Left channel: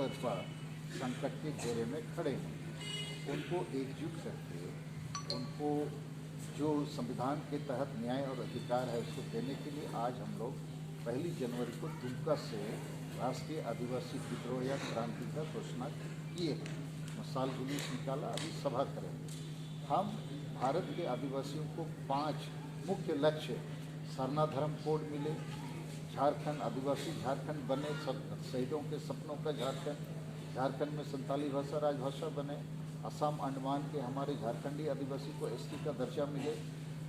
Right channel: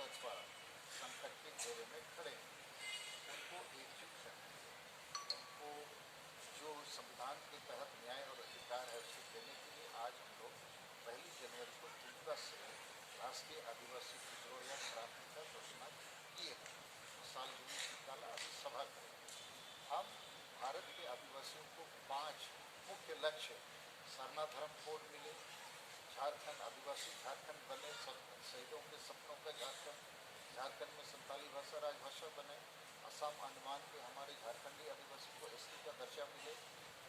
स्तर पर संकट के घेरे में खड़े हैं। उनको एकजुट करके उनको जो संविधान के तहत न्याय और अधिकार है उसको देने के लिए आज हम लोग 1 जनवरी को दुमका से राष्ट्रीय आदिवासी विद्रोह या क्रांति का घोषणा किए हैं। मशाल जुलूस निकाला, अभी सभा करेंगे। हम भारत के आदिवासियों को 5 मुख्य लक्ष्य, सरना धर्म कोड मिले, झारखंड आदिवासी झारखंड बने, सब शहीदों के सपनों का झारखंड में संताली भाषा राजभाषा बने, असम अंडमान के हमारे झारखंडी आदिवासी को एसटी का दर्जा मिले,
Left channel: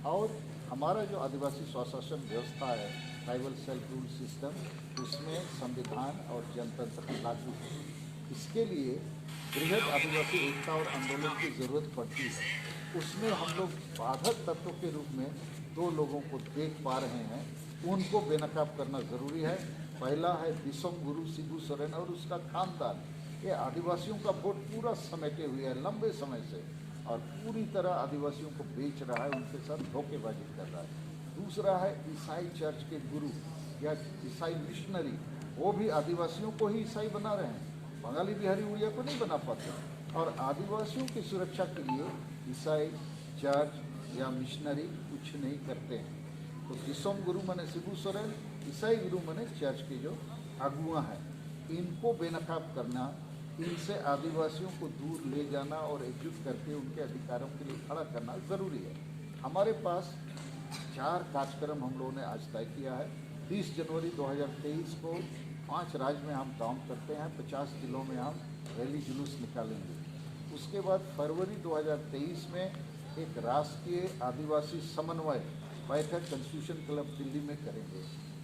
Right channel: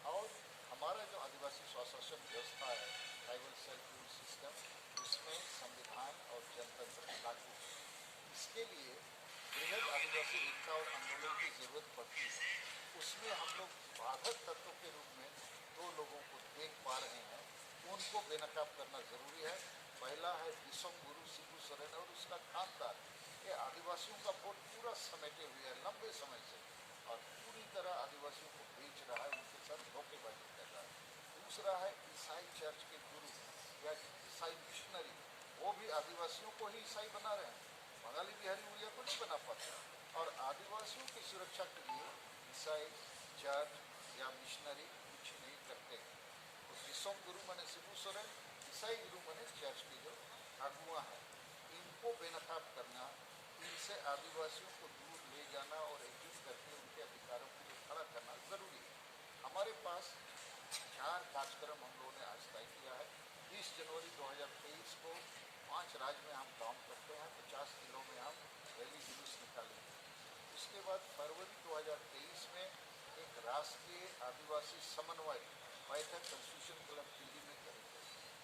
और हमारा जो आदिवासी स्वशासन व्यवस्था है, ट्राइबल सेल्फ रूल सिस्टम, उसमें संविधान और जनतंत्र लागू हो। इसके लिए बृहद आदिवासी एकता और आंदोलन की जरूरत पड़ती है। उसमें हम लोग बाधक तत्वों के रूप में 2 लोगों को देख पा रहे हैं, उनको बेनकाब करना जरूरी है। पहला है दिसोम गुरु शिबू सोरेन और उसका खानदान। ये आदिवासियों का वोट पूरा समेटे हुए है लंबे समय से, और पूरी तरह आदिवासियों को बेच रहा है, उनके साथ धोखेबाजी कर रहा है। दूसरा है ईसाई चर्च के गुरु या ईसाई मिशनरी, वो भी आदिवासियों को ही ईसाई बना रहे हैं, बंगाली बिहारी उड़िया को नहीं बना पाते। और आदिवासियों की सुरक्षा के लिए ईसाई चर्च या मिशनरी कुछ नहीं करते हैं। तो दिसोम गुरु मने शिबू सोरेन, ईसाई गुरु मने चर्च के जो अगुआ हैं, इनको बेनकाब करना, इनसे आदिवासियों को दूर ले जाना और एकजुट करके उनके अधिकारों के लिए खड़ा करना जरूरी है। हमारे पास 4 कार्यक्रम हम लोगों ने आज तय किया है। 30 जनवरी 2023 को 5 राज्य में हम काम करते हैं, 50 जिलों में हम रैली जुलूस निकालेंगे। उसके बाद फरवरी 2023 में एक राष्ट्रीय आदिवासी समन्वय बैठक कॉन्स्टिट्यूशन क्लब दिल्ली में करेंगे।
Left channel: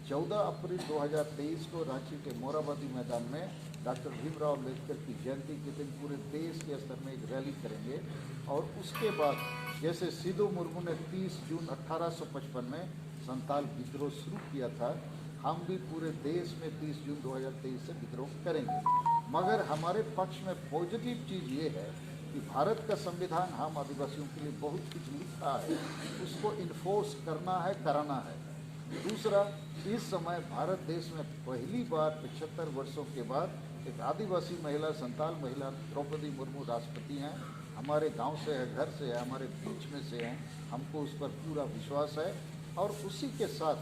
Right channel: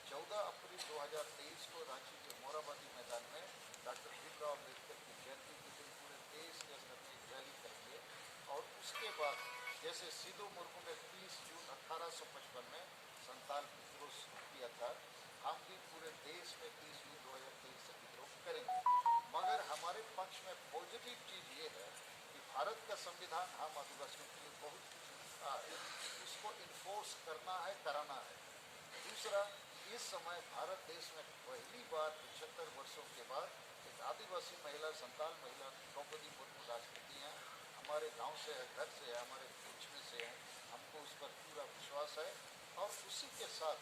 14 अप्रैल 2023 को रांची के मोराबादी मैदान में डॉक्टर भीमराव अम्बेडकर की जयंती के दिन पूरे देश के स्तर में एक रैली करेंगे। और उसके बाद जैसे सिधू मुर्मू ने 30 जून 1855 में संताल विद्रोह शुरू किया था, हम भी पूरे देश में 30 जून 2023 से विद्रोह करेंगे। मगर हमारे पक्ष में पॉजिटिव चीज़ ये है कि भारत का संविधान हम आदिवासियों के लिए बहुत कुछ लिखा है, उसको इन्फोर्स करना है, कराना है। दूसरा, इस समय भारत देश में पहली बार 75 वर्षों के बाद एक आदिवासी महिला, संताल महिला द्रौपदी मुर्मू राष्ट्रपति हैं। हमारे गांव से है, घर से है, हमारे बीच में से हैं, हमको उस पर पूरा विश्वास है। और उसी के साथ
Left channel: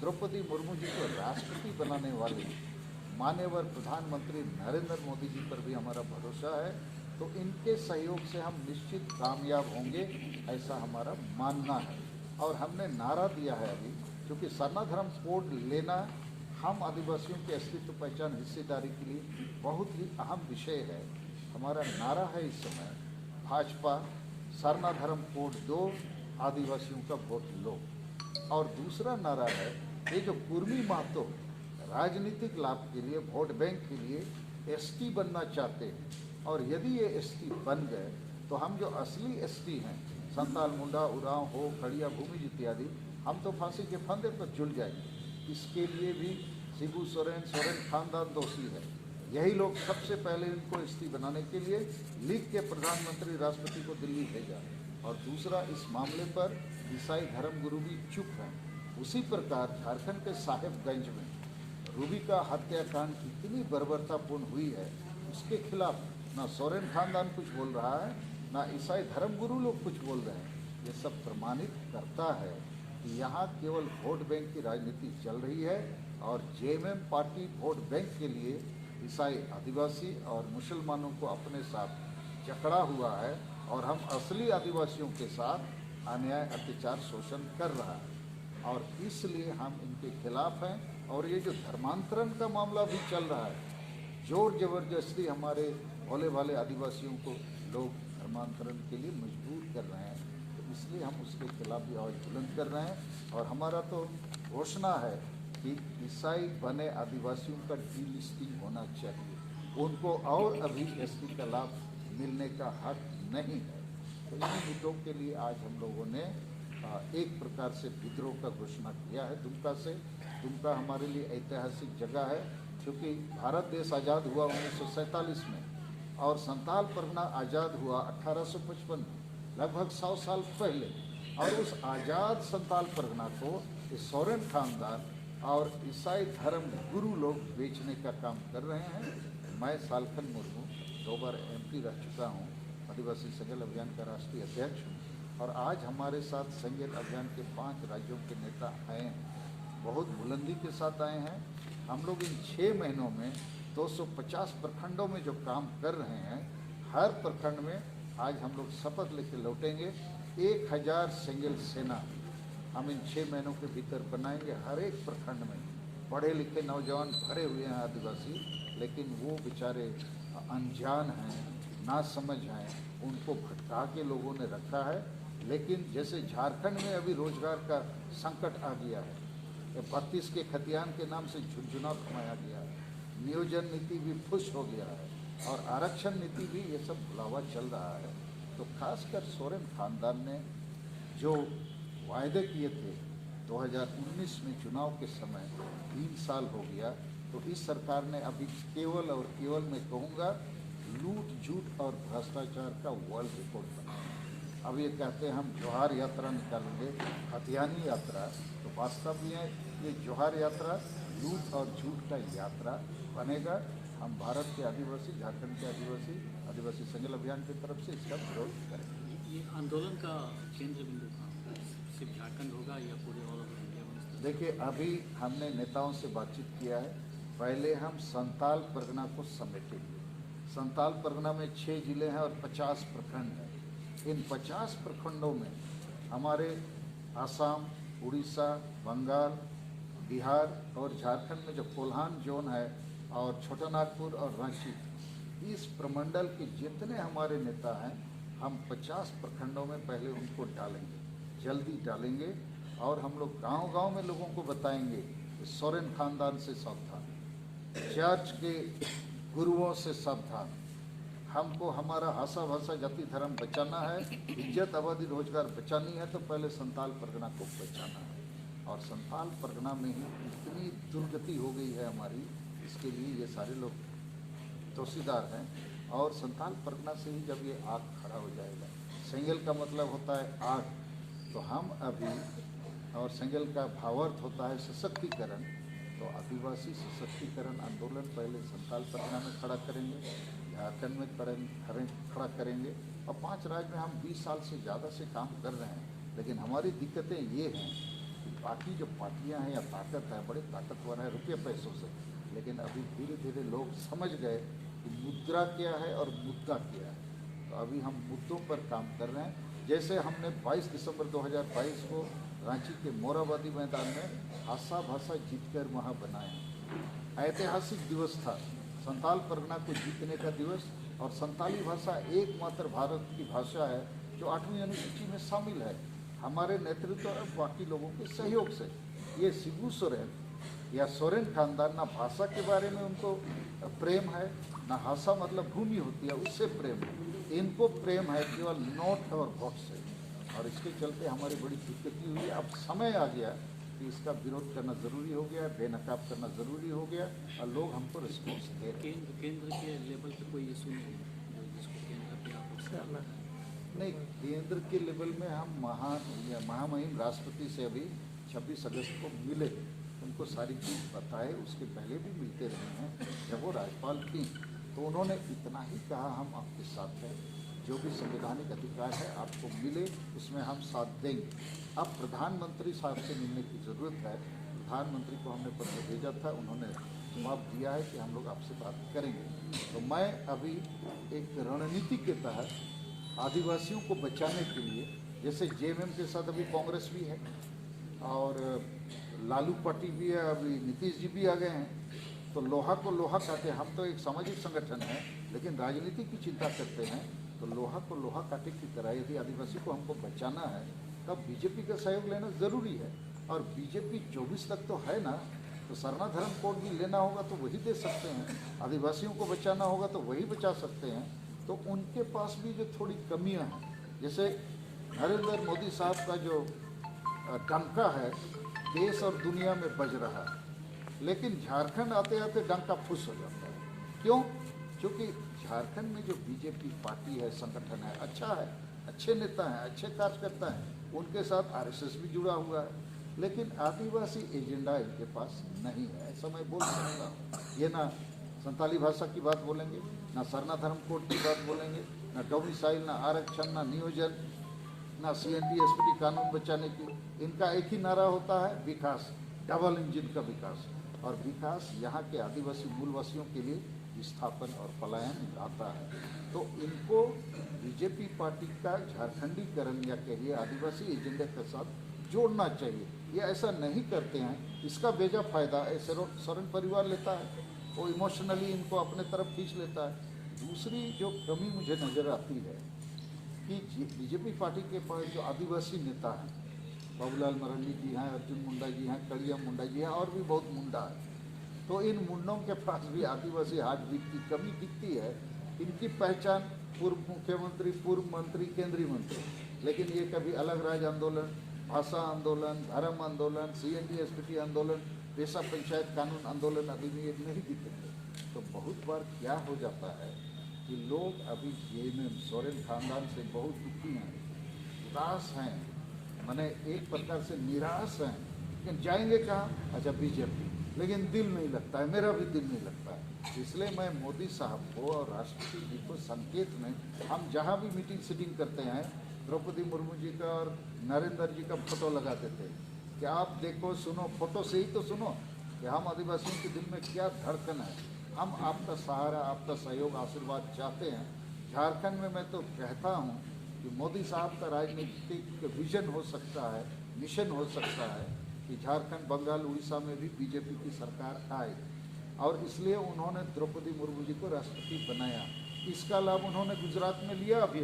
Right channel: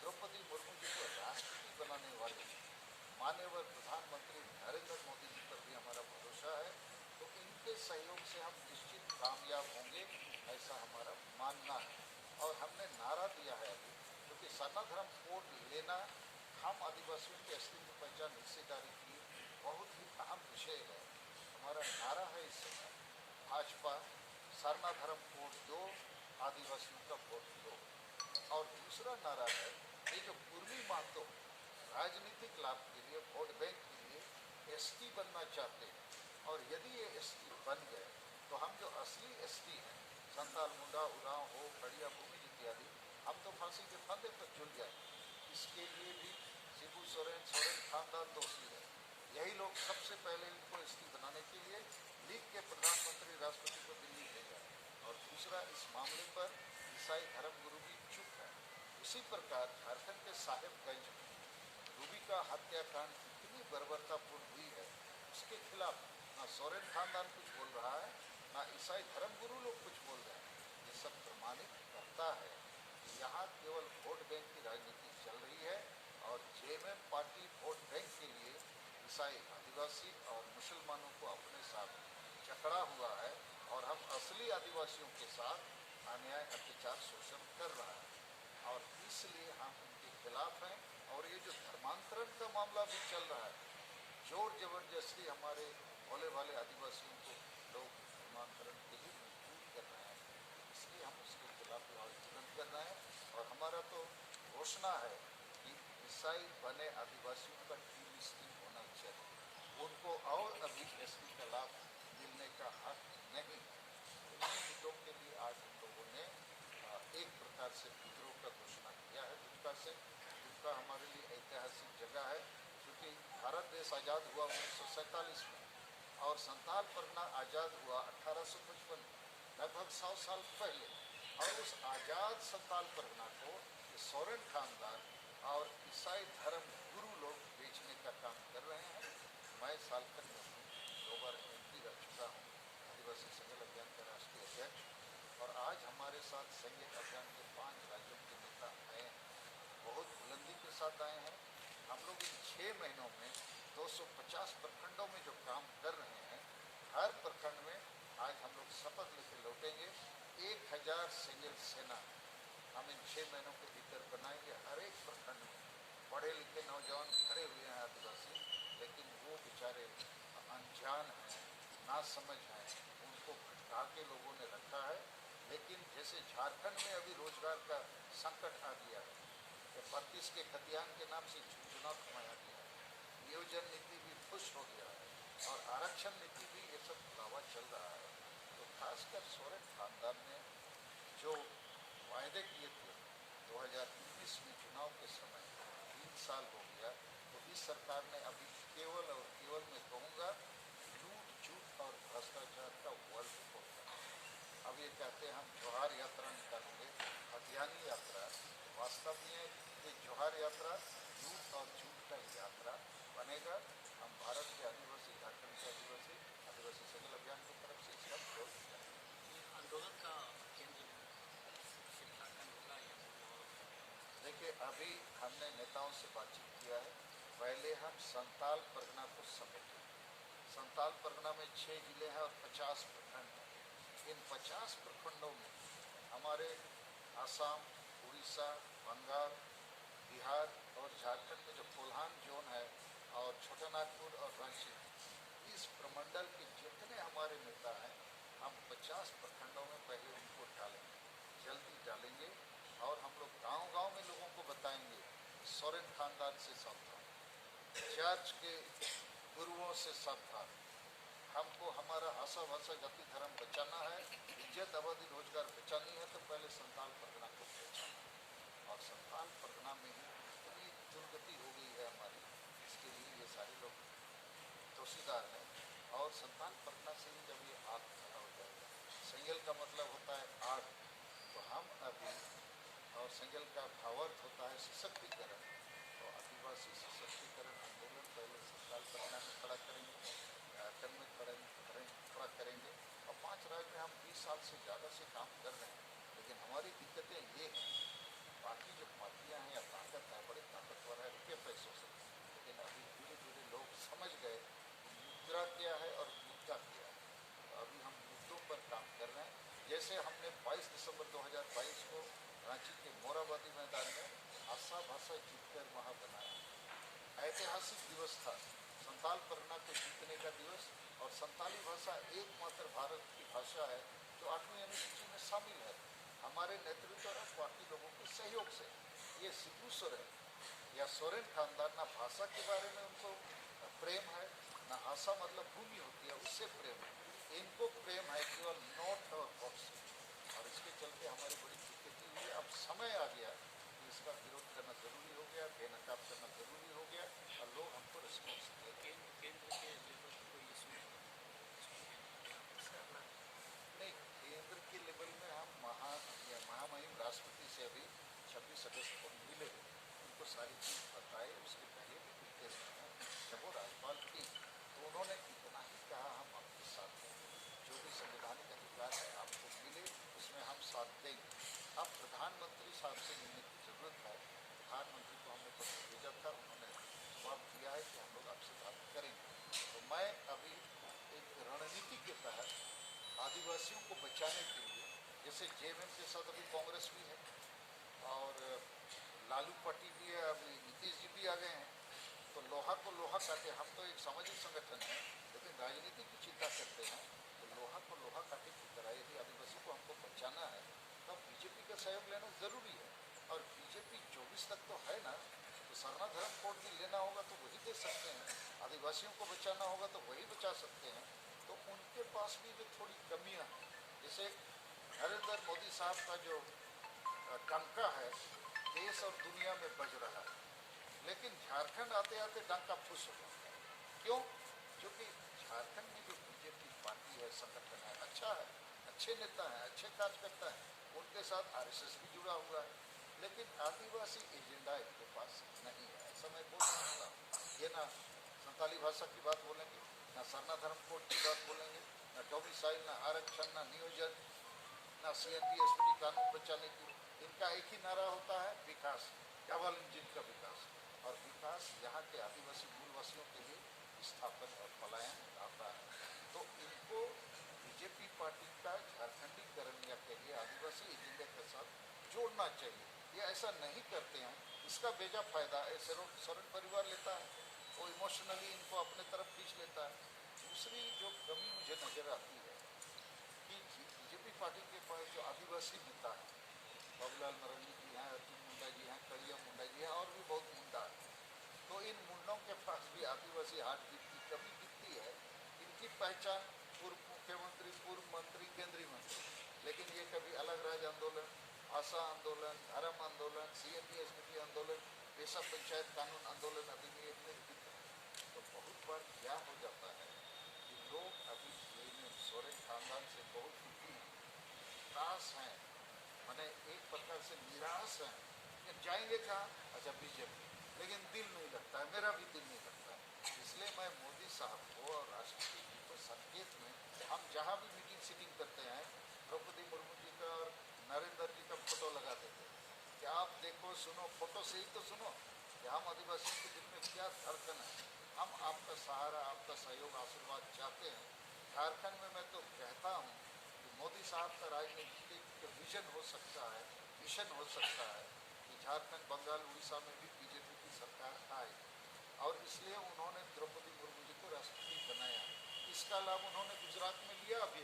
द्रौपदी मुर्मू जी को राष्ट्रपति बनाने वाले माननीय प्रधानमंत्री नरेंद्र मोदी जी पर भी हमारा भरोसा है। तो इनके सहयोग से हम निश्चित कामयाब होंगे, ऐसा हमारा मानना है। और हमने नारा दिया है अभी, क्योंकि सरना धर्म कोड लेना हम आदिवासियों के अस्तित्व, पहचान, हिस्सेदारी के लिए बहुत ही अहम विषय है। हमारा नारा है इस समय, भाजपा सरना धर्म कोड दो, आदिवासियों का वोट लो। और दूसरा नारा है, ये जो कुर्मी महतो राजनीतिक लाभ के लिए, वोट बैंक के लिए एसटी बनना चाहते हैं, और यदि ये एसटी बन गए तो हम जो असली एसटी हैं, संताल, मुंडा, उरांव, हो, खड़िया, भूमिज इत्यादि, हम तो फांसी के फंदे पर झूल जाएंगे। इसके लिए भी शिबू सोरेन खानदान दोषी है। यही लोग सबसे पहले इनको एसटी बनाने के लिए लिख के प्रधानमंत्री, राष्ट्रपति को दिल्ली भेजा। और दूसरा, इस मामले पर ईसाई धर्मगुरु भी चुप हैं। उसी प्रकार झारखंड के साहेबगंज में रूबी का हत्याकांड इतनी बर्बरतापूर्ण हुई है, उसके खिलाफ ना सोरेन खानदान कुछ बोल रहा है, ना ईसाई धर्मगुरु लोग कुछ बोल रहे हैं। ये सब प्रमाणित करता है कि यहाँ केवल वोट बैंक की राजनीति चल रही है, और जेएमएम पार्टी वोट बैंक के लिए ईसाई, आदिवासी और मुसलमानों को अपने साथ जकड़ा हुआ है, और हम असली आदिवासियों के साथ अन्याय, अत्याचार, शोषण कर रहा है। और इसलिए हम इनके खिलाफ हैं। और ये जो धर्मांतरण का मामला भी चल रहा है, जोर जबरदस्ती हमारे भोले भाले आदिवासियों को लोग धर्मांतरण के लिए मजबूर कर रहे हैं, तो इसलिए हम उसके खिलाफ भी आवाज़ बुलंद कर रहे हैं। और हमारा तो घोषणा है कि ईसाई बने आदिवासियों का डीलिस्टिंग होना चाहिए, उनको और अभी एसटी का लाभ मिलने का हक नहीं है। तो इन मुद्दों के लिए आज हम लोगों ने एक प्रकार से विद्रोह का घोषणा किया है दुमका से। दुमका हमारे लिए ऐतिहासिक जगह है, क्योंकि भारत देश आज़ाद हुआ 1947 में, और संताल परगना आज़ाद हुआ 1855 में, लगभग 100 साल पहले। और उस आज़ाद संताल परगना को सोरेन खानदान और ईसाई धर्म गुरु लोग बेचने का काम कर रहे हैं। मैं सालखन मुर्मू 2 बार MP रह चुका हूँ, आदिवासी संगेल अभियान का राष्ट्रीय अध्यक्ष हूँ और आज हमारे साथ संगेल अभियान के 5 राज्यों के नेता आए हैं, बहुत बुलंदी के साथ आए हैं। हम लोग इन 6 महीनों में 250 प्रखंडों में जो काम कर रहे हैं, हर प्रखंड में आज हम लोग शपथ लेके लौटेंगे। 1000 संगेल सेना हम इन 6 महीनों के भीतर बनाएंगे। हर एक प्रखंड में पढ़े लिखे नौजवान भरे हुए हैं आदिवासी, लेकिन वो बेचारे अनजान हैं, नासमझ हैं, उनको भटका के लोगों ने रखा है। लेकिन जैसे झारखंड में अभी रोजगार का संकट आ गया है, 32 के खतियान के नाम से झुनझुना थमाया गया है, नियोजन नीति भी फुस हो गया है और आरक्षण नीति भी, ये सब भुलावा चल रहा है। तो खासकर सोरेन खानदान ने जो वायदे किए थे 2019 में चुनाव के समय, 3 साल हो गया, तो इस सरकार ने अभी केवल और केवल मैं कहूँगा लूट झूठ और भ्रष्टाचार का वर्ल्ड रिकॉर्ड बनाया। अब ये कहते हैं हम जोहार यात्रा निकालेंगे, हथियानी यात्रा, तो वास्तव में ये जोहार यात्रा लूट और झूठ का यात्रा बनेगा। हम भारत के आदिवासी, झारखंड के आदिवासी, आदिवासी संगेल अभियान की तरफ से इसका विरोध करेंगे। ये आंदोलन का केंद्र बिंदु सिर्फ झारखंड होगा या पूरे और इंडिया में? देखिए, अभी हमने नेताओं से बातचीत किया है। पहले हम संताल परगना को समेटेंगे। संताल परगना में 6 जिले हैं और 50 प्रखंड हैं। इन 50 प्रखंडों में हमारे आसाम, उड़ीसा, बंगाल, बिहार और झारखंड में जो कोल्हान जोन है और छोटा नागपुर और रांची, इस प्रमंडल के जितने हमारे नेता हैं, हम 50 प्रखंडों में पहले उनको डालेंगे, जल्दी डालेंगे। और हम लोग गांव-गांव में लोगों को बताएंगे कि सोरेन खानदान से सावधान, चर्च के गुरुओं से सावधान, हमको हमारा आशा भाषा जाति धर्म बचाना है, इज्जत आबादी रोजगार बचानी है, तो पहले संताल परगना को बचाना है। और संताल परगना में ही इतनी दुर्गति हो गई है हमारी, इसके लिए ये सारे लोग दोषीदार हैं। और संताल परगना से ही जब ये आग खड़ा हो जाएगा, संगेल का मतलब होता है आग, तो हम अभी, और संगेल का भावार्थ होता है सशक्तिकरण, तो आदिवासी सशक्तिकरण आंदोलन पहले संताल परगना में खड़ा करेंगे, झारखंड में खड़ा करेंगे। और 5 राज्य में हम 20 साल से ज़्यादा से काम कर रहे हैं, लेकिन हमारी दिक्कतें ये हैं कि बाकी जो पार्टियां हैं या ताकत है, बड़े ताकतवर है रुपये पैसों से, लेकिन अभी धीरे धीरे लोग समझ गए कि मुद्रा क्या है और मुद्दा क्या है। तो अभी हम मुद्दों पर काम कर रहे हैं। जैसे हमने 22 दिसंबर 2022 को रांची के मोराबादी मैदान में आशा भाषा जीतकर वहाँ बनाए। ऐतिहासिक दिवस था, संताल परगना को जीतने का दिवस। और संताली भाषा एकमात्र भारत की भाषा है जो 8वीं अनुसूची में शामिल है, हमारे नेतृत्व और बाकी लोगों के सहयोग से। ये शिबू सोरेन या सोरेन खानदान, ना भाषा के बारे में उनको प्रेम है, ना भाषा मतलब भूमि होती है उससे प्रेम है, इनको प्रेम है केवल नोट और वोट से। और इसके चलते हमारी बड़ी दिक्कत हुई है। अब समय आ गया कि इसका विरोध करना ज़रूरी हो गया, बेनकाब करना ज़रूरी हो गया, और लोग हमको रिस्पॉन्स दे रहे हैं। केंद्र के लेवल पर कोई इशू नहीं, केंद्र के लेवल में हम महामहिम राष्ट्रपति से अभी 26 अगस्त को मिले, उनको सारी चीज़ बताए, उसके पहले भी मिलते रहे हैं जब वो राज्यपाल थी, तो उन्होंने इतना ही कहा हम आपके साथ हैं, जो भी संवैधानिक अधिकार है आपको मिले, उसमें हम साथ देंगे। अब प्रधानमंत्री साहब से मिलने की ज़रूरत है। प्रधानमंत्री को हमने पत्र भेजा था, उन्होंने जवाब दिया है कि हम लोग आपसे बात करेंगे। तो मैं अभी एक रणनीति के तहत आदिवासियों को बचाने के लिए, जैसे JMM के साथ अभी कांग्रेस भी है और लालू पार्टी भी है, अभी नीतीश जी भी आ गए हैं, तो लोहा को लोहा काटे। हम तो एक सामाजिक संगठन है, लेकिन राजनीति की चिंता करते हैं, तो लोहा को लोहा काटे की तरह यदि आदिवासी को हमको बचाना है, तब बीजेपी का सहयोग लेना ज़रूरी है। और बीजेपी 24 तक तो है ना, तो सरना धर्म कोड भी लेना होगा तो वही दे सकते हैं, आदिवासियों को बचाना होगा तो वही बचा सकते हैं। तो उनके पास भी जो थोड़ी कमियां हैं, जैसे नरेंद्र मोदी साहब का जो डंका है देश और दुनिया में बज रहा है, लेकिन झारखंड आते आते डंका फुस हो जाता है। क्यों? क्योंकि झारखंड में जो बीजेपी पार्टी है, संगठन है, अच्छा है, अच्छे नेता हैं, अच्छे कार्यकर्ता हैं, उनके साथ RSS भी जुड़ा हुआ है, लेकिन आदिवासी एजेंडा इनके पास नहीं है, ऐसा मैं बोल सकता हूँ। ये ना संताली भाषा की बात बोलेंगे, ना सरना धर्म कोड की बात बोलेंगे, ना डोमिसाइल, ना आरक्षण, ना नियोजन, ना CNT SPT कानून बचाने की। इनका एक ही नारा होता है, विकास, डबल इंजन का विकास। और विकास यहाँ के आदिवासी मूलवासियों के लिए विस्थापन और पलायन लाता है। तो इनको बीजेपी पार्टी का झारखंडीकरण या कहिए आदिवासी एजेंडे के साथ जोड़ना चाहिए। ये ऐसा नहीं करते हैं, इसका बेजा फायदा सोरेन परिवार लेता है, वो इमोशनली इनको अपने तरफ खींच लेता है। दूसरी जो कमी मुझे नज़र आती है कि बीजेपी पार्टी के पास जो आदिवासी नेता हैं, बाबूलाल मरंडी जी हैं, अर्जुन मुंडा जी हैं, कड़िया मुंडा जी हैं, और भी बहुत मुंडा है। तो इन मुंडों के पास भी आदिवासी हार्ट बीट की कमी दिखती है। इनकी पहचान पूर्व मुख्यमंत्री, पूर्व मंत्री, केंद्रीय मंत्री, लेकिन ये कभी अलग राज्य आंदोलन, भाषा आंदोलन, धर्म आंदोलन, CNT SPT आंदोलन, पेशा पंचायत कानून आंदोलन अभी भी एक नहीं दिखेंगे। तो बहुत बार क्या हो जाता है कि लोग अभी JNM सोरेन खानदान से बहुत दुखी हैं, उदास हैं, माने एक प्रकार से निराश हैं, लेकिन जाएंगे कहाँ? अच्छा, बीजेपी। लेकिन दिल नहीं लगता है, मेरा भी दिल नहीं लगता है। इसलिए मैं मोदी साहब को और राष्ट्रपति जी को संकेत में, हम जहाँ भी मीटिंग सीटिंग करते हैं, द्रौपदी मुर्मू जी का और नरेंद्र जी का फोटो लगा देते हैं कि आप देखो, सुनो, फोटो से ही तो सुनो कि हम आदिवासियों के दिल में क्या धड़कन है। हम आपका सहारा, आपका सहयोग, आशीर्वाद चाहते हैं। झारखंड में मैं तो कहता हूँ कि मोदी साहब का राजनीतिक विजन हो सकता है, मिशन हो सकता है कि झारखंड, बंगाल, उड़ीसा में भी बीजेपी की सरकार आए, और इसलिए उन्होंने द्रौपदी मुर्मू जी को राष्ट्रपति बनाया। इसका लाभ उन्होंने गुजरात में लिया। अभी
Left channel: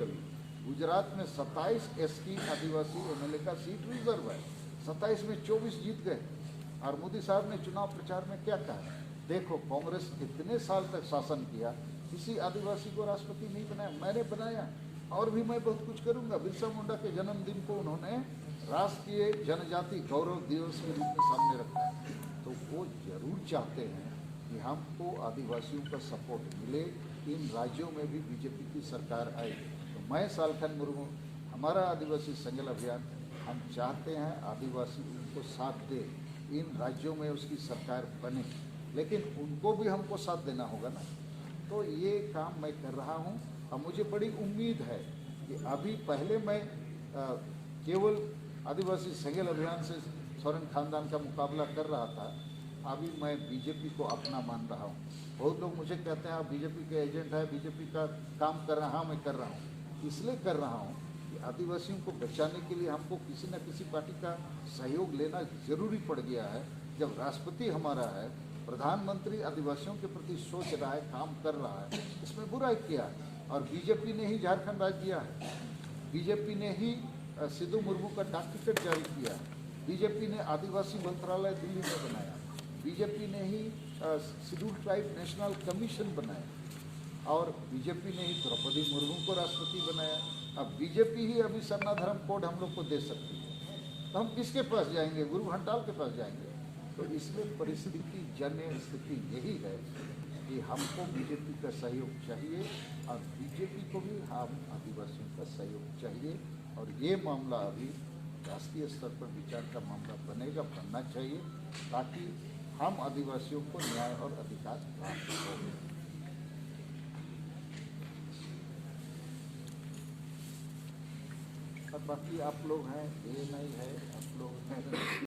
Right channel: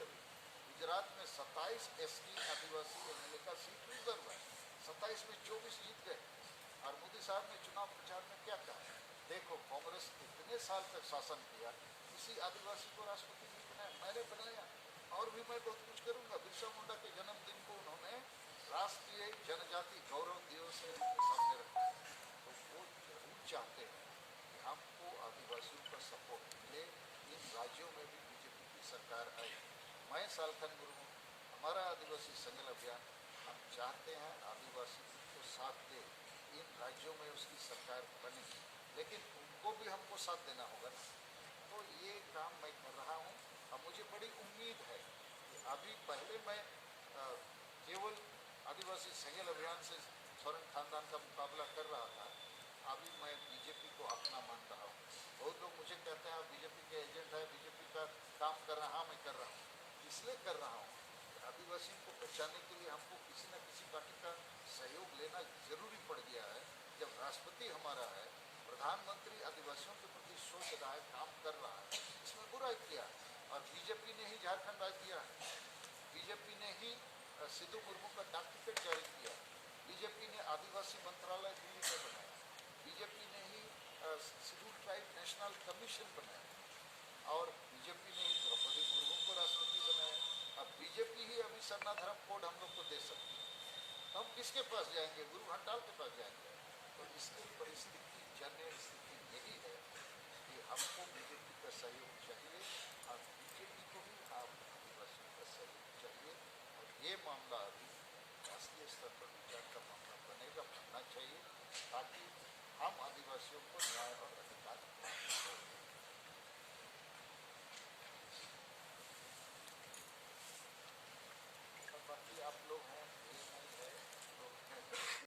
गुजरात में 27 ST आदिवासी MLA का सीट रिजर्व है, 27 में 24 जीत गए। और मोदी साहब ने चुनाव प्रचार में क्या कहा? देखो, कांग्रेस इतने साल तक शासन किया, किसी आदिवासी को राष्ट्रपति नहीं बनाया, मैंने बनाया, और भी मैं बहुत कुछ करूंगा। बिरसा मुंडा के जन्मदिन को उन्होंने राष्ट्रीय जनजाति गौरव दिवस के रूप में सामने रखा। तो वो जरूर चाहते हैं कि हमको आदिवासियों का सपोर्ट मिले, इन राज्यों में भी बीजेपी की सरकार आए। तो मैं सालखन मुर्मू, हमारा आदिवासी संगल अभियान, हम चाहते हैं आदिवासी उनको साथ दे, इन राज्यों में उसकी सरकार बने, लेकिन उनको भी हमको साथ देना होगा ना। तो ये काम मैं कर रहा हूँ, और मुझे बड़ी उम्मीद है कि अभी पहले मैं केवल आदिवासी संगल अभियान से सोरेन खानदान का मुकाबला कर रहा था, अभी मैं बीजेपी को अपना मान रहा हूँ। बहुत लोग मुझे कहते हैं आप बीजेपी के एजेंट हैं, बीजेपी का काम कर रहा। हाँ, मैं कर रहा हूँ, इसलिए कर रहा हूँ कि आदिवासियों को बचाने के लिए हमको किसी न किसी पार्टी का सहयोग लेना जरूरी पड़ गया है। जब राष्ट्रपति हमारा है, प्रधानमंत्री आदिवासियों के प्रति सोच रहा है, काम कर रहा है, इसमें बुराई किया। और बीजेपी ने ही झारखंड राज्य दिया है, बीजेपी ने ही सिद्धू मुर्मू का डाक टिकट जारी किया, बीजेपी ने आदिवासी मंत्रालय दिल्ली में बनाया, बीजेपी ने ही शेड्यूल ट्राइब नेशनल कमीशन बनाया, और बीजेपी ने ही द्रौपदी मुर्मू को राष्ट्रपति बनाया। अब बीजेपी ही अभी सरना धर्म कोड हम लोग को दे सकती है, तो हम किसके पास जाएंगे? गुरु घंटाल के पास जाएंगे। तो इसलिए परिस्थिति जन्य स्थिति यही है कि हमको बीजेपी का सहयोग चाहिए, और बीजेपी को भी हम आदिवासियों का सहयोग चाहिए। और ये मामला अभी राष्ट्रीय स्तर पर विचार का मामला बनेगा, बनना चाहिए, ताकि हम आदिवासियों को न्याय और अधिकार प्राप्त हो। और बाकी आप लोग हैं, ये नहीं है, आप लोग हैं